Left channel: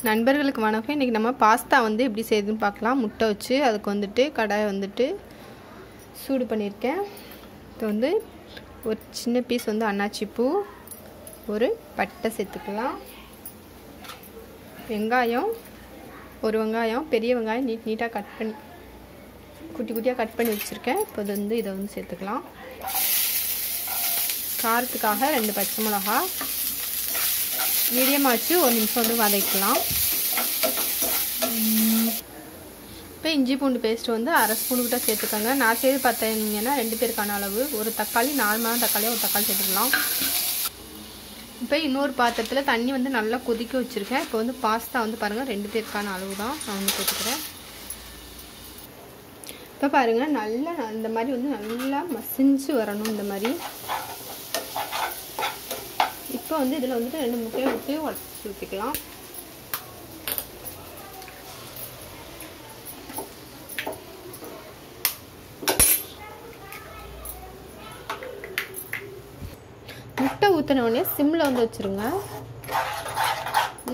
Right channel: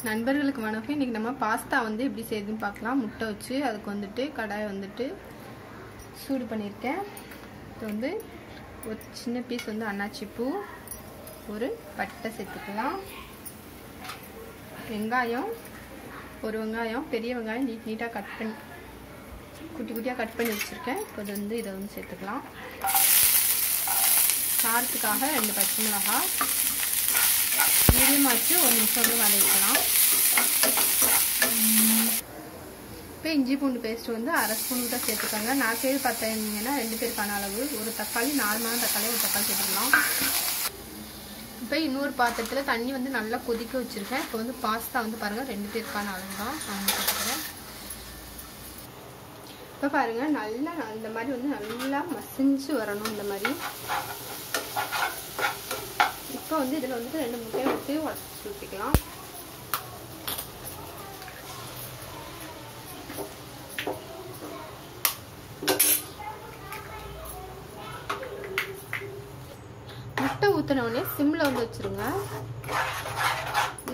நண்பர்களுக்கு வணக்கம். இன்றைக்கி நம்ம பாஸ்தா வந்து எப்படி செய்யுதுன்னு பார்க்கலாம். முட்டை வச்சு அதுக்கு வந்துட்டு கடாயை வந்துட்டு சூடு பண்ணியிருக்கேன். இது வந்து ஒரு சின்ன பீஸ் வந்து அன்னாச்சி பூ, ஒரு பட்டை சேர்த்துக்கலாம். வெங்காயம், ஒரு வெங்காயம், பெரிய வெங்காயம் நீட்டாக கட் பண்ணி குட்டி குட்டியாக கட் பண்ணி வச்சுருக்கேன். இப்போ வந்து இதை வந்து சேர்த்துக்கலாம். காரத்துக்காக 2 பச்சை மிளகா மீடியமாக வச்சு 1 நிமிஷம் வந்து வதக்கலாம். இப்போ இஞ்சி பூண்டு பேஸ்ட் வந்து 1/2 ஸ்பூன் கிட்ட சேர்த்துக்கோங்க. நான் செய்து பார்த்தீங்கன்னா 2 பேருக்கான அளவு. ஒரு தக்காளி, நார்மலான தக்காளியாக ஒரு தக்காளி சேர்த்துக்கலாம். இப்போ இன்னொரு பாத்திரத்தில் தண்ணி வந்து நல்லா கொதிக்க வச்சுருக்கேன். இப்போ வந்து பாஸ்தா வந்து பாருங்கள் 2 பேருக்கான அளவு தான் நான் வந்து சேர்த்துக்கிறேன். இப்போ பாருங்கள் நல்லா இந்த மாதிரி வந்து நல்லா மசிஞ்சு வரணும். இந்த மாதிரி இப்போ வந்து இதில் வந்துட்டு 2 முட்டையை ஊற்றி உடச்சி ஊற்றிக்கலாம். முட்டை ஊற்றினோடனே சிம்மில் வந்து வச்சுருங்க.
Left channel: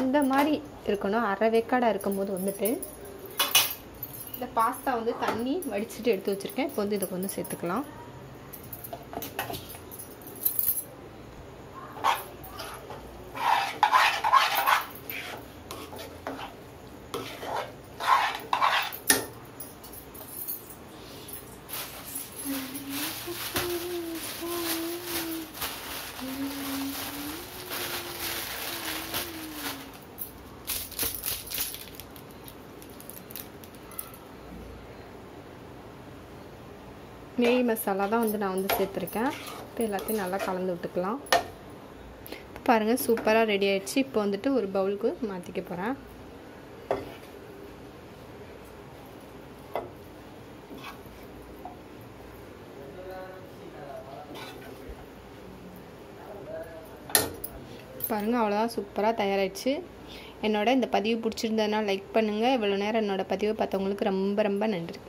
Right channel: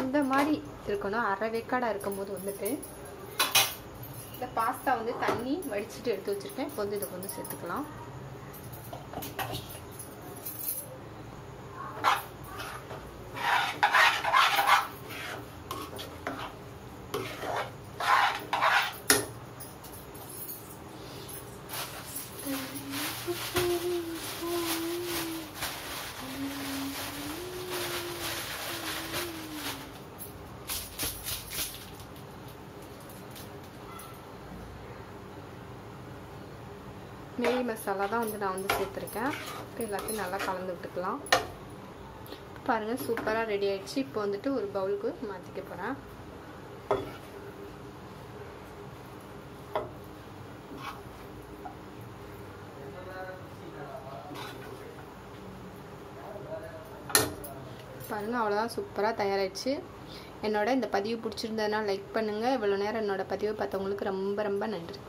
இந்த மாதிரி இருக்கணும். அரை வேக்காடாக இருக்கும்போது வந்துட்டு இந்த பாஸ்தா வந்து தண்ணி வடிச்சிட்டு எடுத்து வச்சுருக்கேன். இப்போ வந்து இதுக்கு வந்து சேர்த்துக்கலாம். மேகி மசாலா தான் வந்து நான் வந்து சேர்த்துருக்கேன். இப்போ எல்லாத்தையும் நல்லா கலந்து விட்டுக்கலாம். இப்போ பாருங்கள் சூப்பராக ரெடி ஆயிடுச்சு. இப்போ வந்துட்டு ஒரு பவுலுக்கு மாற்றிக்க போகிறேன். பாருங்கள் அவ்வளோதான், சூப்பராக தயாராகிடுச்சு. என்னோட இந்த பதிவு பிடிச்சிருந்ததுன்னா லைக் பண்ணுங்கள். இவ்வளோ நேரம் என்னோட பதிவை பார்த்தவங்களுக்கு ரொம்ப ரொம்ப நன்றி.